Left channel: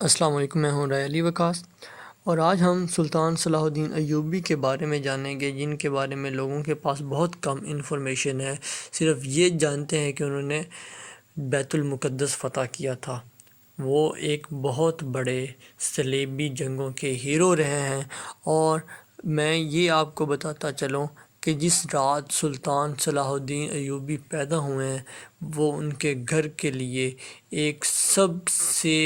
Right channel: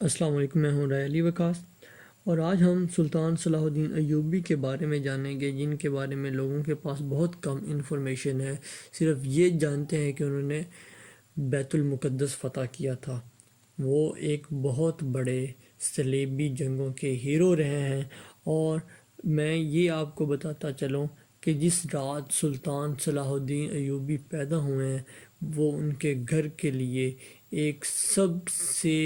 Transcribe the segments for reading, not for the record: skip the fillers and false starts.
السلام علیکم، میں ہوں رائے علی وقاص، اور آج ہم سلطان صلاح الدین ایوبی کے بارے میں جانیں گے، جن کے بارے میں لوگوں کے پاس بہت کم انفارمیشن ہے۔ صرف یہ جانتے ہیں کہ انہوں نے بیت المقدس فتح کیا تھا۔ وہ ایک بہت بڑے صلیبی جنگوں کے ہیرو رہے ہیں، اور میں یہ آپ کو بتاتا چلوں کہ جس رات سلطان صلاح الدین ایوبی پیدا ہوئے ہیں، وہ ان کے گھر کے لیے ایک سب سے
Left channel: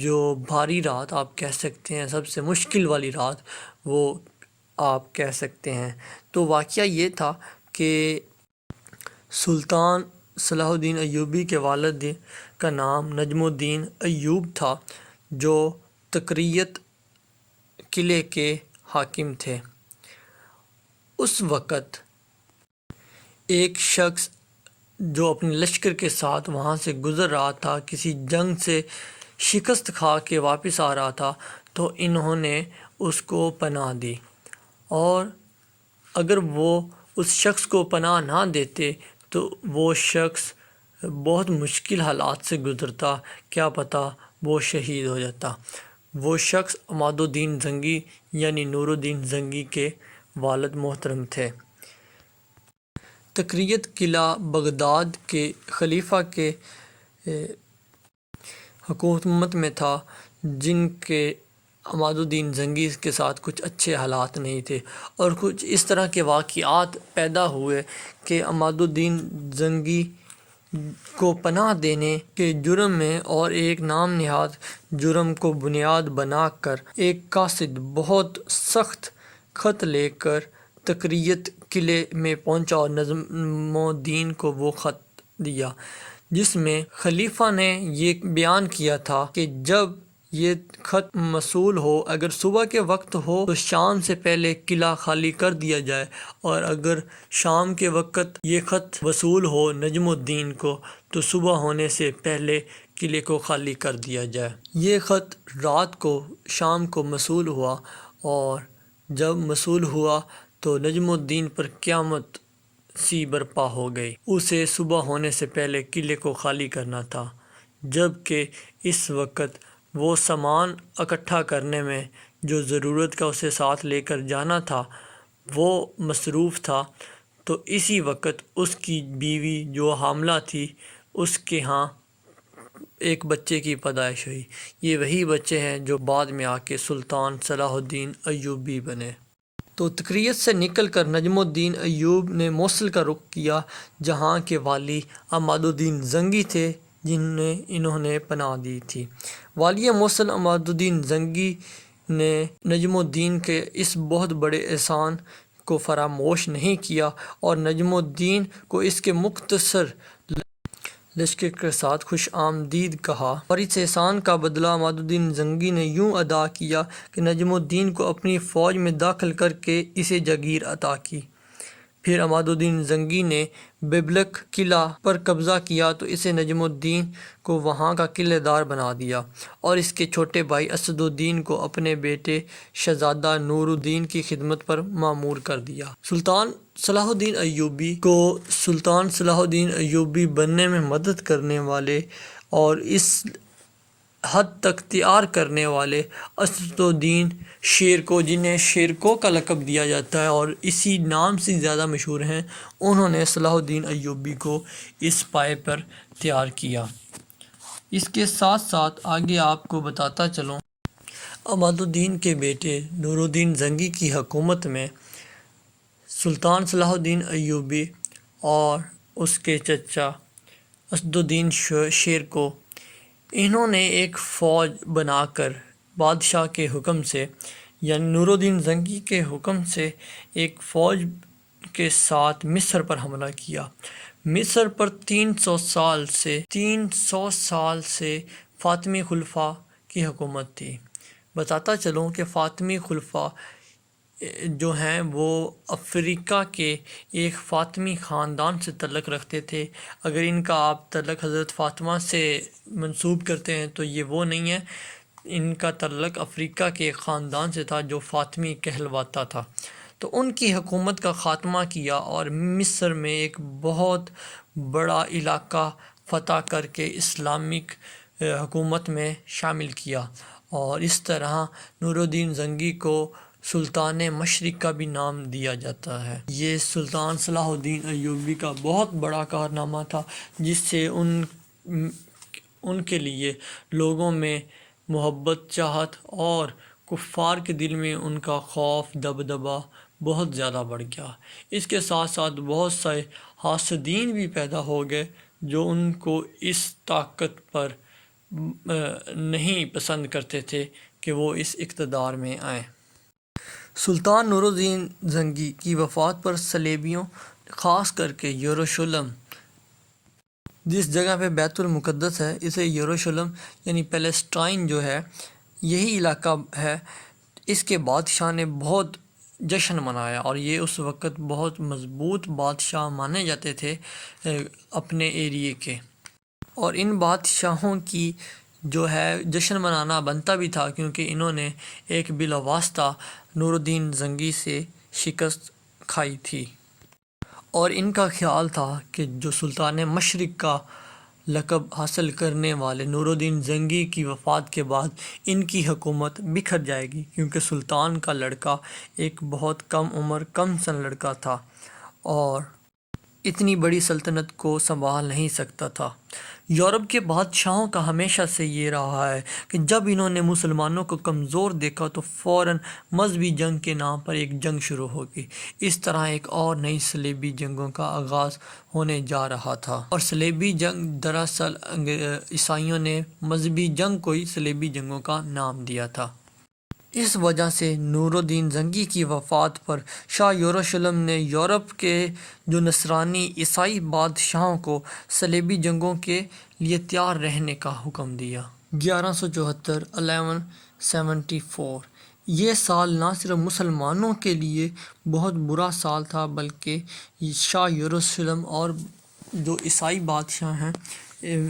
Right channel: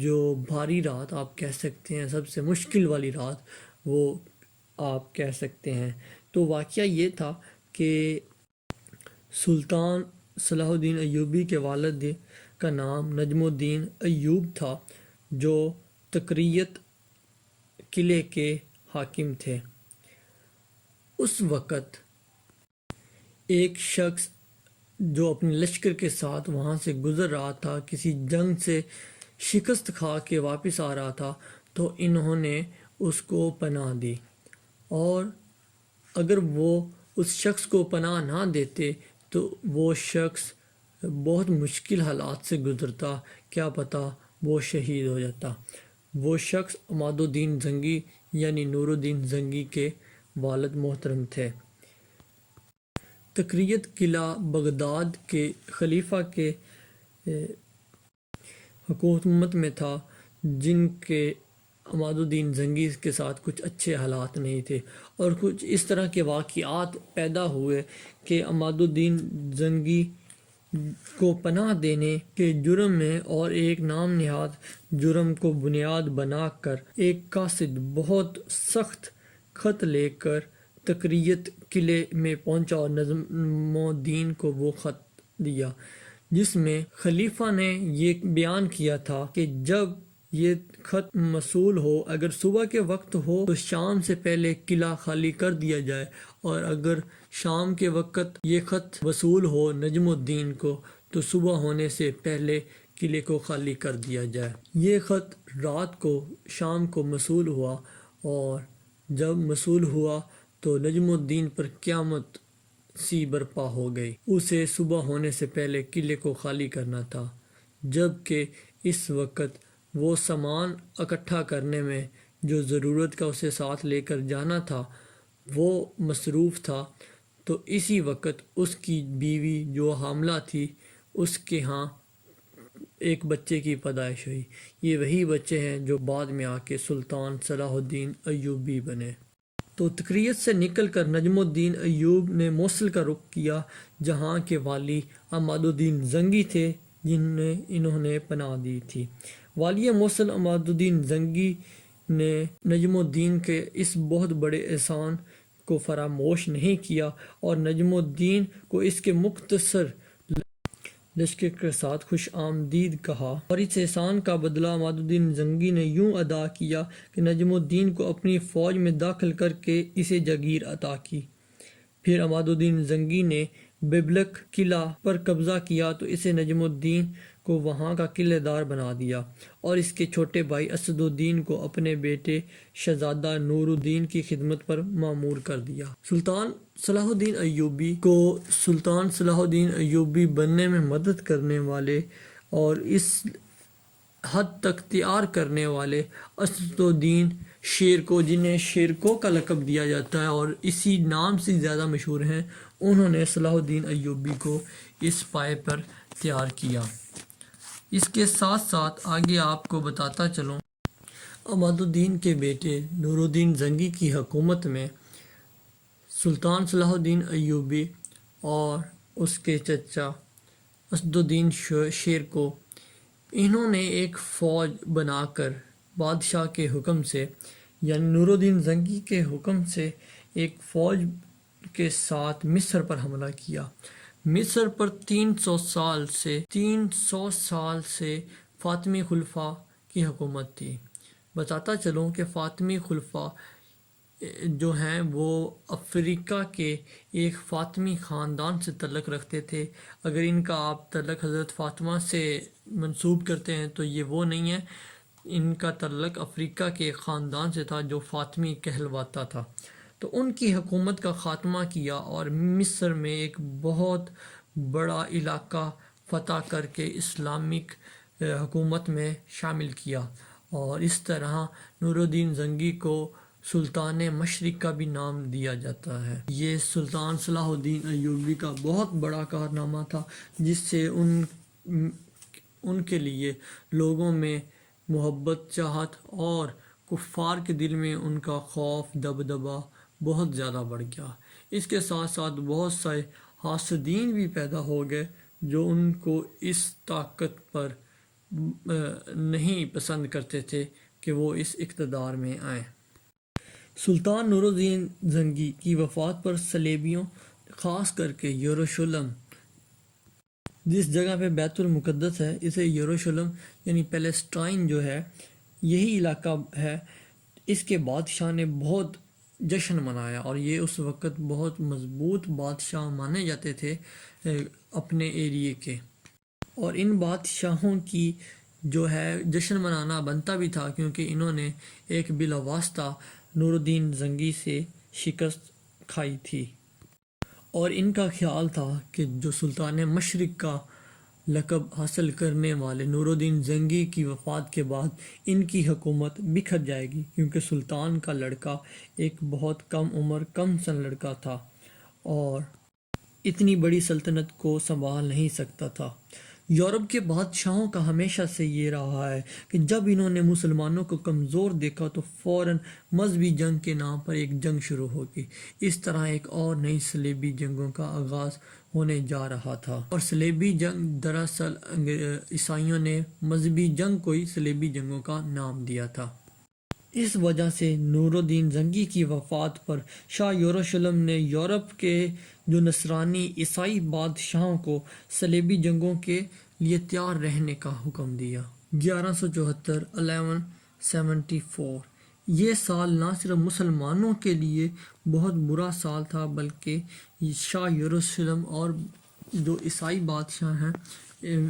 جو بھاری رات آپ کہہ سکتے ہیں، سب سے مشکل والی رات وہ آپ کہہ سکتے ہیں۔ تو واقعہ یہ تھا کہ سلطان صلاح الدین ایوبی کے والد کا نام نجم الدین ایوب تھا، جو تکریت قلعے کے حاکم تھے۔ اس وقت ایک شخص جو اپنے لشکر کے ساتھ وہاں سے گزر رہا تھا، کسی جنگ سے شکست کھا کے واپس آ رہا تھا، تو انہوں نے اس کو پناہ دی، اور اگر وہ اس شخص کو پناہ نہ دیتے تو وہ شخص بہت مشکل حالات سے گزرتا، کیا پتہ وہ شہید ہو جاتا۔ وہ شخص عماد الدین زنگی یعنی نور الدین زنگی کے والد محترم تھے۔ تکریت قلعہ بغداد کے خلیفہ کے حکومت میں تھا، جن کے عماد الدین زنگی کے ساتھ کچھ اچھے حالات نہیں تھے، اور کچھ اس طرح کے واقعات پیدا ہوئے کہ عماد الدین زنگی کو پناہ دینے کے جرم میں اور ایک نام نہاد جرم کو بنیاد بنا کر ایک قاصد بہت سخت خط لے کر تکریت قلعے میں پہنچا، اور نجم الدین کو وہ خط دیا، جس میں خلیفہ نے یہ بیان کیا تھا کہ جب یہ خط موصول ہو، اگر صبح کے وقت ہو تو شام سے پہلے قلعہ خالی کر دیا جائے، اور اگر شام کے وقت یہ خط وصول ہو نجم الدین کو تو صبح ہونے سے پہلے قلعے کو خالی کر دیا جائے۔ یہ خط رات کو شام کو موصول ہوا، اور جب موصول ہوا تو نجم الدین پر قیامت سی برپا ہو گئی۔ اسے صبح ہونے سے پہلے قلعے کو خالی کرنا تھا، جبکہ اس وقت وہ سامان اکٹھا کرنے میں جو ضرورت کا اسے ساتھ لے کر جانا تھا وہ مصروف تھا۔ تو اسی وقت اس کی بیوی جو حاملہ تھی، اس کے ہاں ایک بچے کی پیدائش ہوئی۔ یہ وہی بچے ہیں جو بعد میں آ کے سلطان صلاح الدین ایوبی بنے۔ تو تکریت سے نکل کر نجم الدین ایوب نے موصل کا رخ کیا، جہاں کے والی عماد الدین زنگی تھے، انہوں نے پناہ دی تھی۔ والی موصل عماد الدین زنگی نے نجم الدین کے اس بہت بڑے احسان کو فراموش نہیں کیا، اور نجم الدین کو اس کے مختصر لشکر کے ساتھ خوش آمدید کہا، اور اس احسان کا بدلہ عماد الدین زنگی نے یوں ادا کیا کہ نجم الدین کو اپنی فوج میں داخل کر کے اسے جاگیر عطا کی۔ پھر عماد الدین زنگی نے بیبلک قلعہ پر قبضہ کیا تو اسے نجم الدین کو وہاں کا قلعہ دار بنا دیا، اور اس کے چھوٹے بھائی اسد الدین کو اپنے بیٹے شہزادہ نور الدین کی خدمت پر مامور کر دیا۔ سلطان صلاح الدین ایوبی کو سلطان صلاح الدین ایوبی بننے میں مدد کرنے والے اور اس حد تک تیار کرنے والے اسد الدین شیرکو، جنہیں شیرکو کا لقب دیا جاتا ہے اور اسی نام سے زیادہ مشہور ہیں، انہوں نے صلاح الدین ایوبی کو اس پائے پر تیار کیا۔ اس کے ساتھ ساتھ آگے آپ کو بتاتا چلوں، عماد الدین کے بیٹے نور الدین زنگی کی حکومت میں سلطان صلاح الدین ایوبی اور اس کے چچا اسد الدین شیرکو، انہوں نے ایک فوج بنا کر بادشاہ کے حکم سے یعنی نور الدین زنگی کے حکم سے ایک فوج کے ساتھ مصر پر حملہ کیا۔ مصر پر 300 سال سے فاطمی خلفاء کی حکومت تھی۔ بتاتا چلوں کہ فاطمی خلفاء جو ہیں وہ افریقہ کے ایک فاطمی خاندان سے تعلق رکھتے تھے۔ اگر ان کا آپ تعلق حضرت فاطمہ سے منسوب کرتے ہیں تو یہ وہ نہیں ہے، ان کا تعلق افریقہ کے ایک خاندان سے تھا جو فاطمی کہلواتا تھا۔ تو ان کی حکومت کا خاتمہ کیا، اور مصر میں ایک بہت بڑا علاقہ فتح کر کے اسلامک حکومت میں شامل کیا، اور اس طرح نور الدین زنگی کو سلطان مشرق کا بھی نام دیا جاتا ہے۔ یہ سلطان صلاح الدین ایوبی کا بہت بڑا کارنامہ تھا، جس سے ان کے لیے لوگوں میں محبت، چاہت اور کفار کے دل میں ان کا خوف، دبدبہ بہت زیادہ بڑھ گیا۔ اس کے ساتھ ساتھ بہت سے حاسدین بھی پیدا ہو گئے جو ان کو اس طاقت پر نہیں پسند کرتے تھے کہ وہ اس اقتدار میں آئیں۔ سلطان نور الدین زنگی کی وفات پر صلیبیوں، خاص کر کے یروشلم، جس جگہ پہ بیت المقدس ہے، اسے یروشلم یعنی پیلسٹائن جو ہے، یہی علاقہ ہے، اس کے بادشاہ نے بہت جشن منایا، اور یہ اس وقت بہت مضبوط بادشاہ مانے جاتے تھے اپنے ایریے کے، اور ان بادشاہوں کی جو ہے جشن منانا بنتا بھی تھا، کیونکہ انہوں نے ایک بلا واسطہ نور الدین زنگی سے شکست کھائی تھی، اور ان کا خیال تھا کہ جو سلطان مشرق کا لقب حاصل کرنے والے نور الدین زنگی کی وفات کے بعد ان کی حکومت بکھر جائے گی، کیونکہ سلطان کا لڑکا ایک بہت کم عمر، کم سن لڑکا تھا اور اتنی بڑی سلطنت کو سنبھال نہیں سکتا تھا۔ یورپ کے بادشاہوں کا ہمیشہ سے یہ رہا ہے کہ جب انہوں نے مسلمانوں کو کمزور دیکھا تو فوراً مذہبی جنگ کے نام پر ایک جنگ شروع ہوگی۔ اس طرح ایک اور نئی صلیبی جنگوں کا آغاز ہونے جا رہا تھا، اور صلیبی جنگ دراصل عیسائیوں نے مذہبی جنگ کو ہی صلیبی جنگوں کا نام دیا تھا۔ اس وجہ سے نور الدین زنگی کی وفات پر شاہ یروشلم نے یورپ کے جو نصرانی عیسائی بادشاہوں کو صلیبی جنگوں کے لیے تیار رہنے کا حکم دیا۔ 1174 1174 یہ سال نہ صرف مسلمانوں کے لیے بہت برا سال تھا، بلکہ شاہ یروشلم اور جو عیسائی بادشاہ ہیں،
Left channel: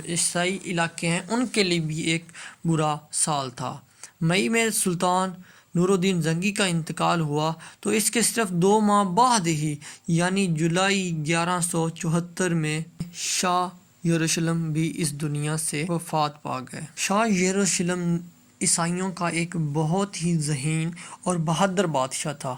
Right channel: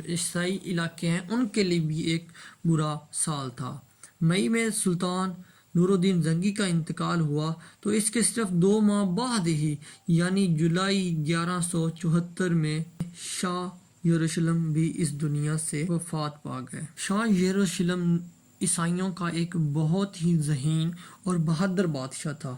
عیسائی علاقے ہیں، ان کے لیے بھی ایک برا سال تھا۔ مئی میں سلطان نور الدین زنگی کا انتقال ہوا تو اس کے صرف 2 ماہ بعد ہی یعنی جولائی 1174 میں شاہ یروشلم بھی اس دنیا سے وفات پا گئے۔ شاہ یروشلم عیسائیوں کا ایک بہت ہی ذہین اور بہادر بادشاہ تھا۔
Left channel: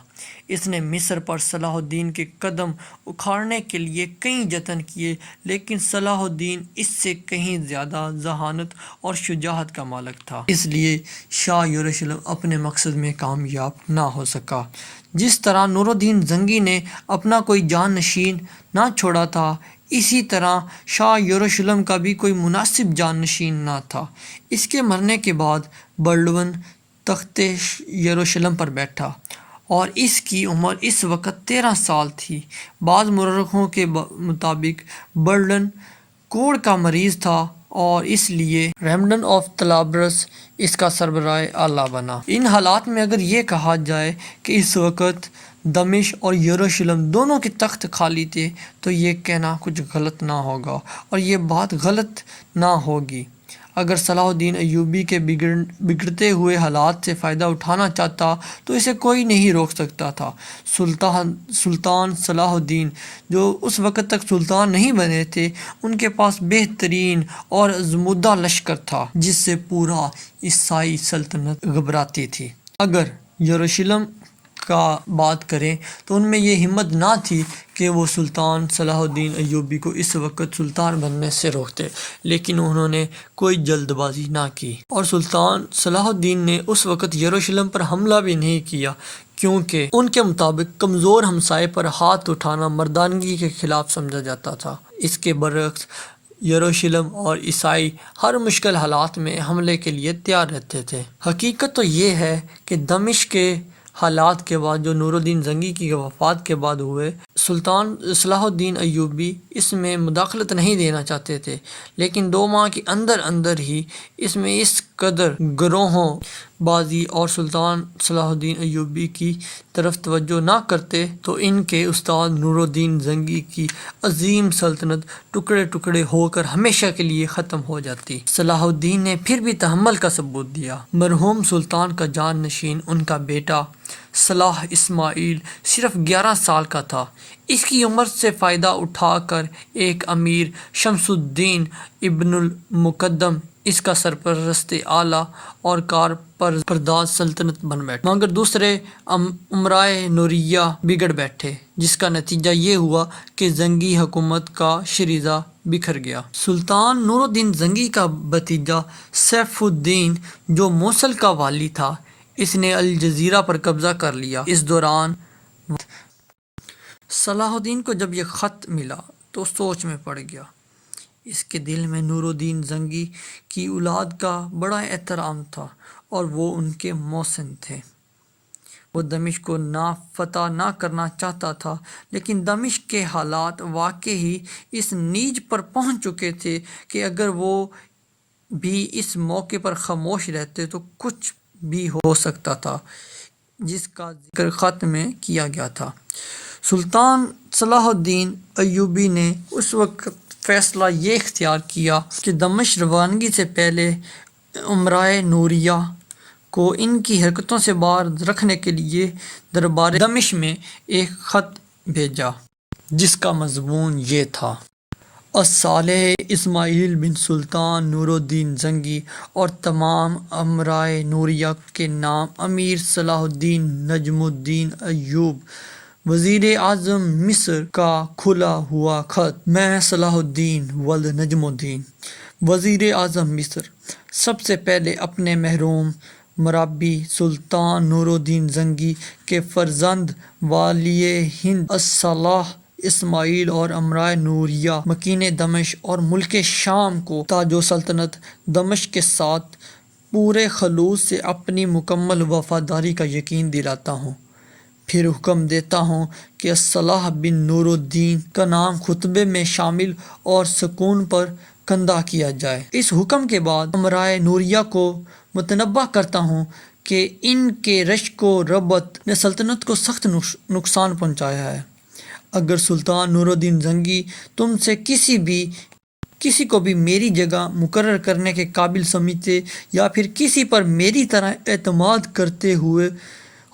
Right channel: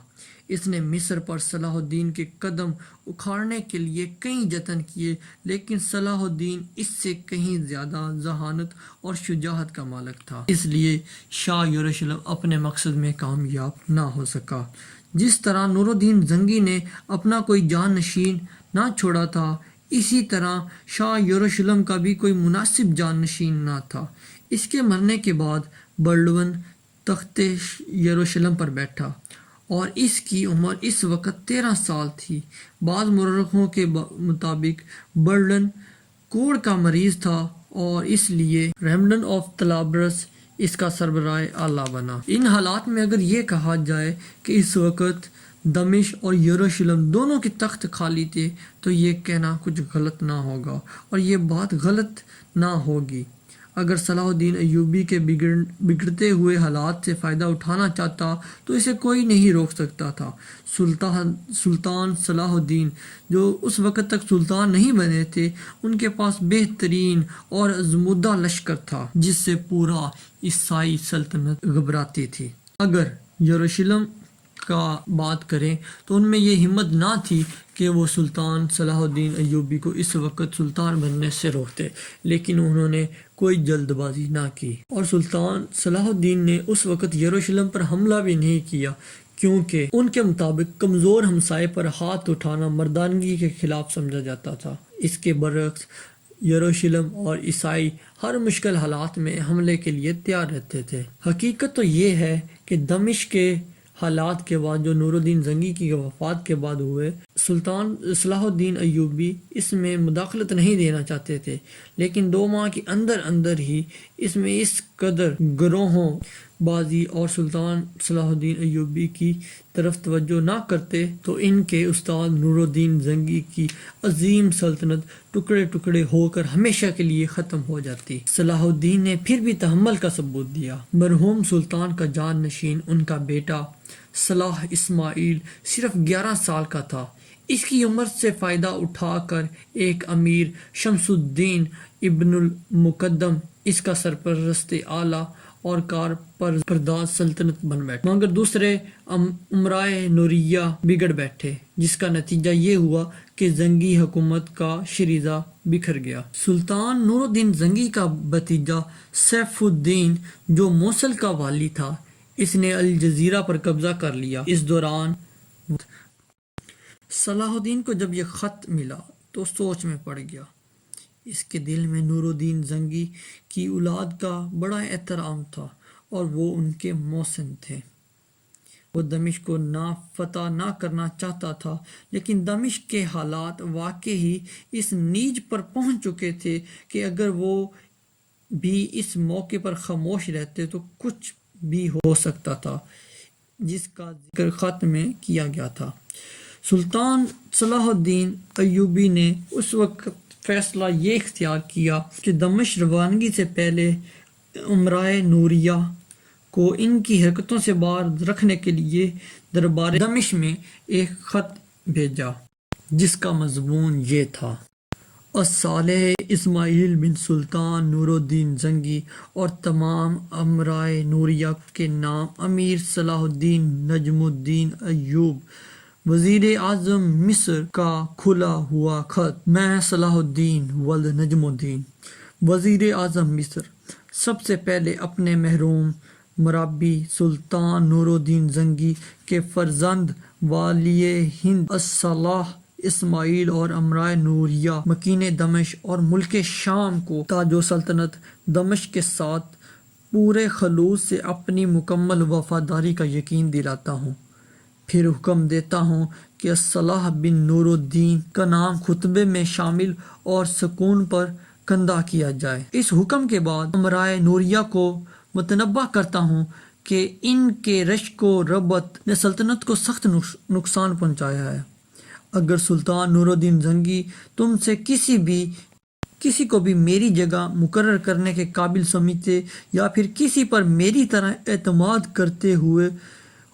اس نے مصر پر صلاح الدین کے قدم اکھاڑنے کے لیے کئی جتن کیے، لیکن صلاح الدین اس سے کہیں زیادہ ذہانت اور شجاعت کا مالک تھا، اس لیے شاہ یروشلم اپنے مقصد میں کامیاب نہ ہو سکا۔ جس طرح نور الدین زنگی نے اپنا کوئی جانشین نہ چھوڑا تھا، اسی طرح شاہ یروشلم کا بھی کوئی مناسب جانشین نہ تھا۔ اس کے مرنے کے بعد بلڈون تخت یروشلم پر بیٹھا، اور اس کی عمر اس وقت 13 سال تھی۔ بعض مورخوں کے مطابق بلڈون کوڑ کا مریض تھا، اور اس لیے ریمنڈن آف طلابرس اس کا سربراہ اعلیٰ بنا۔ ان حالات میں اگر یہ کہا جائے کہ اس وقت دمشق اور یروشلم دونوں کے تخت خالی تھے، تو یہ کہنا کچھ غلط نہ ہوگا، اور یہ بات غلط نہ ہوگی۔ اگر صلاح الدین ایوبی کے بگڑتے ہوئے حالات سے فائدہ اٹھانا چاہتا تو اسے کوئی نہیں روک سکتا تھا۔ سلطان صلاح الدین جو اس وقت تک سلطان نہیں بنے تھے، ان کے پاس بہترین اور آزمودہ لشکر تھا، جس سے پورا عیسائی سلطنت گھبراتی تھی۔ اگر یروشلم کا بات کریں تو ان میں یہ ہمت نہ تھی کہ وہ سلطان صلاح الدین ایوبی کو اس وقت سلطان بننے سے روکتے، لیکن انہوں نے کوئی جلد بازی نہ کی، اور سلطان صلاح الدین نے اس وقت یروشلم پر حملہ بھی نہیں کیا، کیونکہ ان کے مطابق کمزور ہمسائے پر ہاتھ اٹھانا مردانگی کے خلاف سمجھا جاتا تھا۔ اس کے برعکس یروشلم اور عیسائی ہر مشکل حالات میں حملے کے لیے تیار رہتے تھے۔ حقیقت تو یہ ہے کہ دمشق کے حالات کے بعد جو نور الدین زنگی کی وفات کے بعد ہوئے، سلطان صلاح الدین ایوبی اس میں مداخلت نہیں دینا چاہتے تھے، لیکن 2 ماہ کے اندر اندر ہی اس میں اس قدر گروہوں بازی اور سلطان صلاح الدین ایوبی کی طرف توجہ نہ کرتے تو ان کے استاد نور الدین زنگی کی عظیم سلطنت ٹکڑے ٹکڑے ہو کر ہمیشہ کے لیے ختم ہو جاتی۔ صلاح الدین نے پھر بھی تحمل کا ثبوت دیا۔ مرحوم سلطان کا جان نشین ان کا بیٹا صلاح اسماعیل صرف 11 سال کا تھا۔ اس کی عمر سے فائدہ اٹھا کر ایک امیر شمس الدین ابن المقدم اس کا سرپرست اعلیٰ اور کار پرداز سلطنت بن بیٹھے، مگر دوسرے امرائے نوریہ بگڑ بیٹھے، جس کا نتیجہ یہ ہوا کہ زنگی حکومت کا شیرازہ بکھر گیا۔ سلطان نور الدین زنگی کا بھتیجا سیف الدین، جو موصل کا والی تھا، اس نے الجزیرہ پر قبضہ کر لیا۔ اس دوران صلاح الدین کو جب یہ خط ملا تو سوچ میں پڑ گیا۔ اس کے دل میں نور الدین زنگی کی اولاد کا بڑا احترام تھا اور وہ ان کے محسن تھے۔ وہ دمشق کو فتح نہ کرنا چاہتا تھا، لیکن دمشق کے حالات واقعی اس نیج پر پہنچ چکے تھے کہ اگر وہ بھی اس موقع پر خاموش رہتے تو کچھ بھی ہو سکتا تھا، جس کا ذکر خط میں کیا گیا تھا۔ سلطان صلاح الدین ایوبی نے اس وقت فیصلہ یہ اختیار کیا کہ دمشق روانگی سے پہلے امرائے نوریہ کو ان کی حرکتوں سے باہر رکھنے کے لیے دربار دمشق میں ایک خط بھیجا، جس کا مضمون یہ تھا: الصالح اسماعیل بن سلطان نور الدین زنگی اور تمام امرائے نوریہ کے نام امیر صلاح الدین نجم الدین ایوب، وزیر اعظم مصر کا کھلا ہوا خط۔ میں صلاح الدین ولد نجم الدین، وزیر اعظم مصر، سب سے پہلے اپنے مرحوم مربی سلطان نور الدین زنگی کے فرزند والی ہند الصالح اسماعیل اور امرائے نوریہ مکین دمشق اور ملک شام کو تاج و سلطنت دمشق کے ساتھ پورے خلوص سے اپنی مکمل وفاداری کا یقین دلاتا ہوں۔ پھر حکم دیتا ہوں کہ الصالح بن نور الدین کا نام خطبے میں شامل اور سکون پر کندہ کیا جائے۔ اس حکم کے بعد امرائے نوریہ کو متنبہ کرتا ہوں کہ ان کے رشک و ربط نے سلطنت کو سخت نقصان پہنچایا ہے۔ اگر سلطان نور الدین زنگی تم سے کسی کو بھی میری جگہ مقرر کرنے کے قابل سمجھتے یا پھر کسی پر میری طرح اعتماد کرتے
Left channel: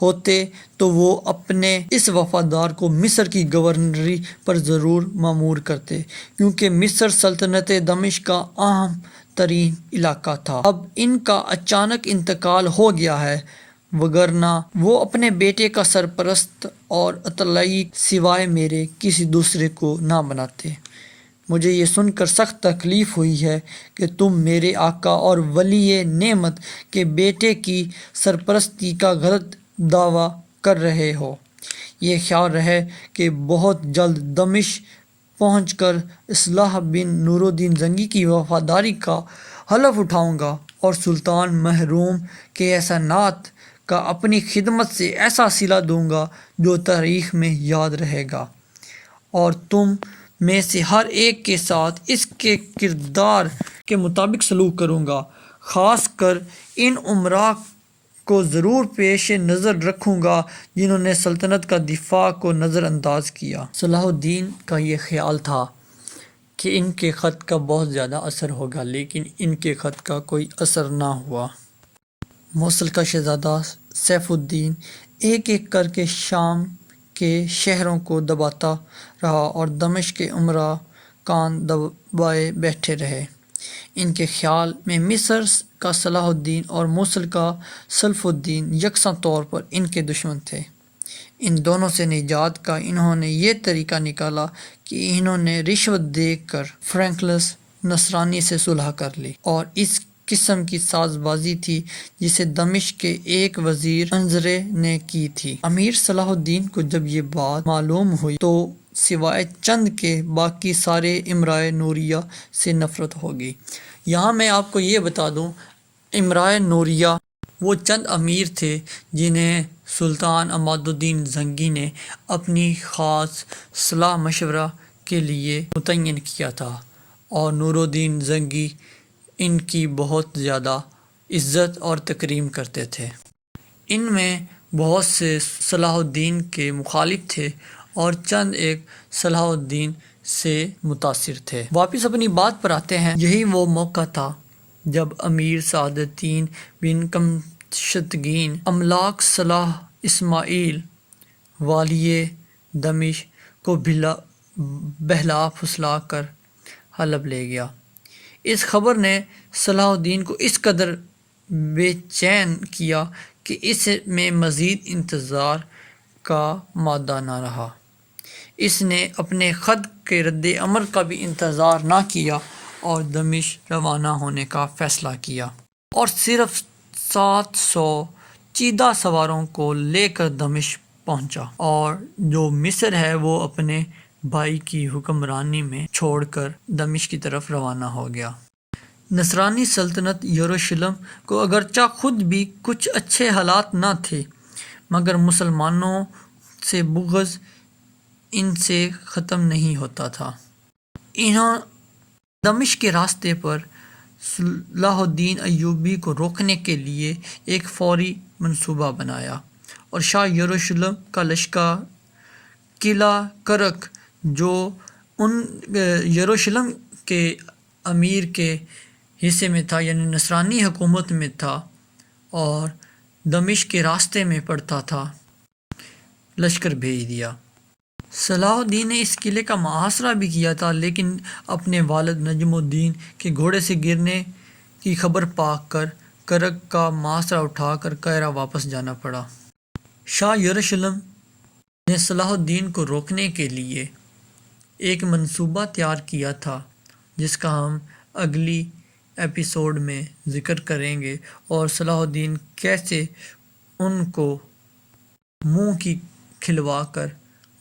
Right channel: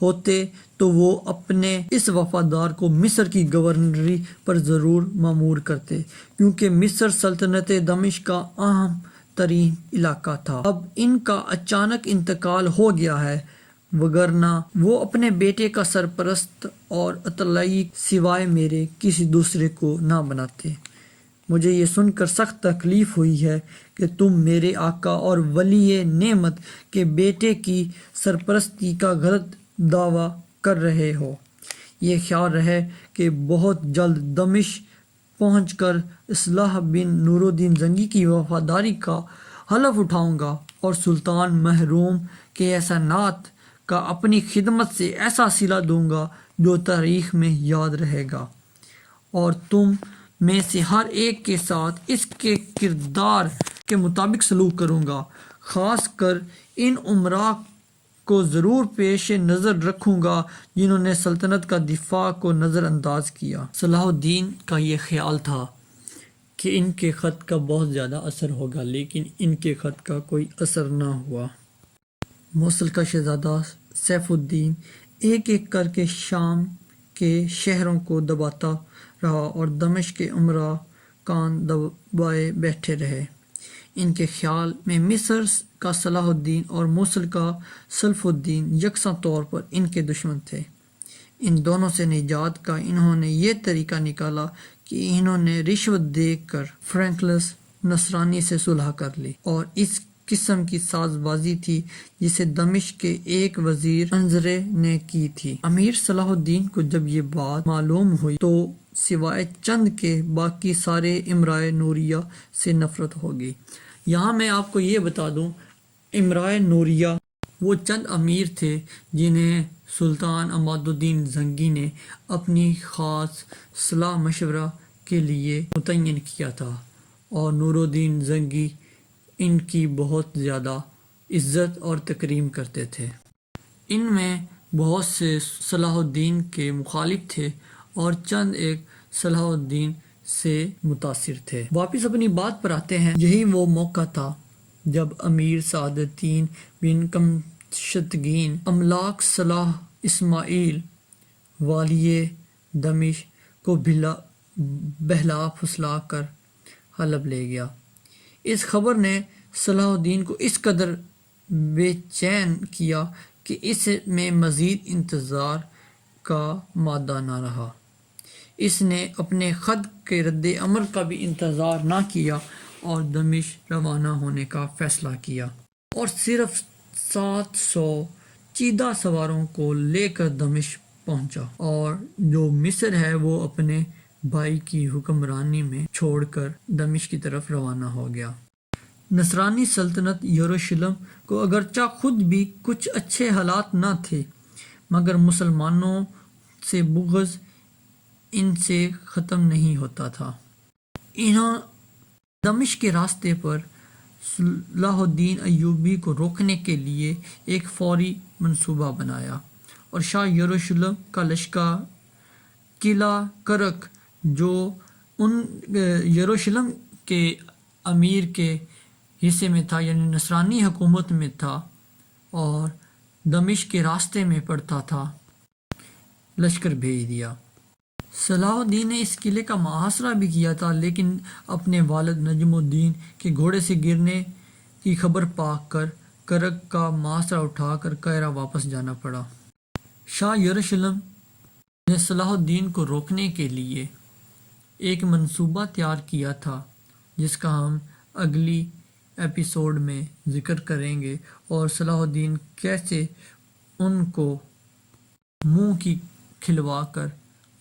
ہوتے تو وہ اپنے اس وفادار کو مصر کی گورنری پر ضرور مامور کرتے، کیونکہ مصر سلطنت دمشق کا اہم ترین علاقہ تھا۔ اب ان کا اچانک انتقال ہو گیا ہے، وگرنہ وہ اپنے بیٹے کا سرپرست اور اطلاعی سوائے میرے کسی دوسرے کو نہ بناتے۔ مجھے یہ سن کر سخت تکلیف ہوئی ہے کہ تم میرے آقا اور ولی نعمت کے بیٹے کی سرپرستی کا غلط دعویٰ کر رہے ہو۔ یہ خیال رہے کہ بہت جلد دمشق پہنچ کر الصالح بن نور الدین زنگی کی وفاداری کا حلف اٹھاؤں گا اور سلطان محروم کے احسانات کا اپنی خدمت سے ایسا صلہ دوں گا جو تاریخ میں یاد رہے گا، اور تم میں سے ہر ایک کے ساتھ اس کے کردار کے مطابق سلوک کروں گا۔ خاص کر ان امراء کو ضرور پیش نظر رکھوں گا جنہوں نے سلطنت کا دفاع کو نظر انداز کیا۔ صلاح الدین کا یہ خیال تھا کہ ان کے خط کا بہت زیادہ اثر ہوگا، لیکن ان کے خط کا کوئی اثر نہ ہوا۔ موصل کا شہزادہ سیف الدین ایک ایک کر کے شام کے شہروں کو دباتا رہا اور دمشق کے امراء کان دبائے بیٹھے رہے۔ ان کے خیال میں مصر کا صلاح الدین اور موصل کا سیف الدین یکساں طور پر ان کے دشمن تھے۔ ان دونوں سے نجات کا انہوں نے یہ طریقہ نکالا کہ انہوں نے رشوت دے کر فرینکلس نصرانی سے صلح کر لی، اور اس قسم کی ساز بازی تھی جسے دمشق کے ایک وزیر انظرے نے کی تھی۔ امیر صلاح الدین کو جب یہ بات معلوم ہوئی تو سوائے چند کے باقی سارے امرائے نوریہ سے نفرت ہو گئی۔ یہاں میں آپ کو یہ بتا دوں، امرائے نوریہ وہ چند امیر تھے جنہیں سلطان عماد الدین زنگی نے اپنی خاص صلاح مشورہ کے لیے متعین کیا تھا، اور نور الدین زنگی ان کی بہت زیادہ عزت اور تکریم کرتے تھے۔ ان میں بہت سے صلاح الدین کے مخالف تھے اور چند ایک صلاح الدین سے متاثر تھے۔ واپس اپنی بات پر آتے ہیں۔ یہی وہ موقع تھا جب امیر سعد الدین بن کمشتگین املاک صلاح اسماعیل والی دمشق کو بہلا پھسلا کر حلب لے گیا۔ اس خبر نے صلاح الدین کو اس قدر بے چین کیا کہ اس میں مزید انتظار کا مادہ نہ رہا۔ اس نے اپنے خط کے رد عمل کا بھی انتظار نہ کیا اور دمشق روانہ ہونے کا فیصلہ کیا، اور صرف 700 چیدہ سواروں کو لے کر دمشق پہنچا، اور جو مصر ہے وہ اپنے بھائی کی حکمرانی میں چھوڑ کر دمشق کی طرف روانہ ہو گیا۔ نصرانی سلطنت یروشلم کو اگرچہ خود بھی کچھ اچھے حالات نہ تھے، مگر مسلمانوں سے بغض ان سے ختم نہیں ہوتا تھا۔ انہوں دمشق کے راستے پر صلاح الدین ایوبی کو روکنے کے لیے ایک فوری منصوبہ بنایا، اور شاہ یروشلم کا لشکر قلعہ کرک جو ان یروشلم کے امیر کے حصے میں تھا، یعنی نصرانی حکومت میں تھا اور دمشق کے راستے میں پڑتا تھا، لشکر بھیج دیا۔ صلاح الدین نے اس قلعے کا محاصرہ بھی کیا تھا، لیکن اپنے والد نجم الدین کے گھوڑے سے گرنے کی خبر پا کر کرک کا محاصرہ اٹھا کر قاہرہ واپس جانا پڑا۔ شاہ یروشلم نے صلاح الدین کو روکنے کے لیے ایک منصوبہ تیار کیا تھا، جس کا ہم اگلی ایپیسوڈ میں ذکر کریں گے، اور صلاح الدین کیسے ان کو منہ کی کھلوا کر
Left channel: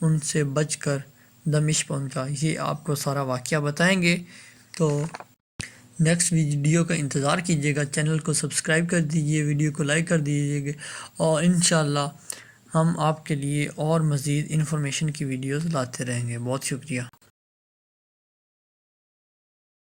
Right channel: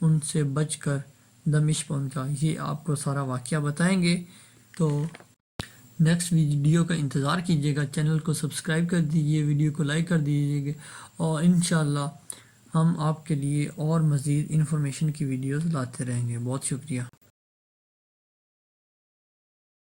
ان سے بچ کر دمشق پہنچا، یہ آپ کو سارا واقعہ بتائیں گے۔ تو نیکسٹ ویڈیو کا انتظار کیجیے گا، چینل کو سبسکرائب کر دیجیے، ویڈیو کو لائک کر دیجیے گا، اور انشاءاللہ ہم آپ کے لیے اور مزید انفارمیشن کی ویڈیوز لاتے رہیں گے۔ بہت شکریہ۔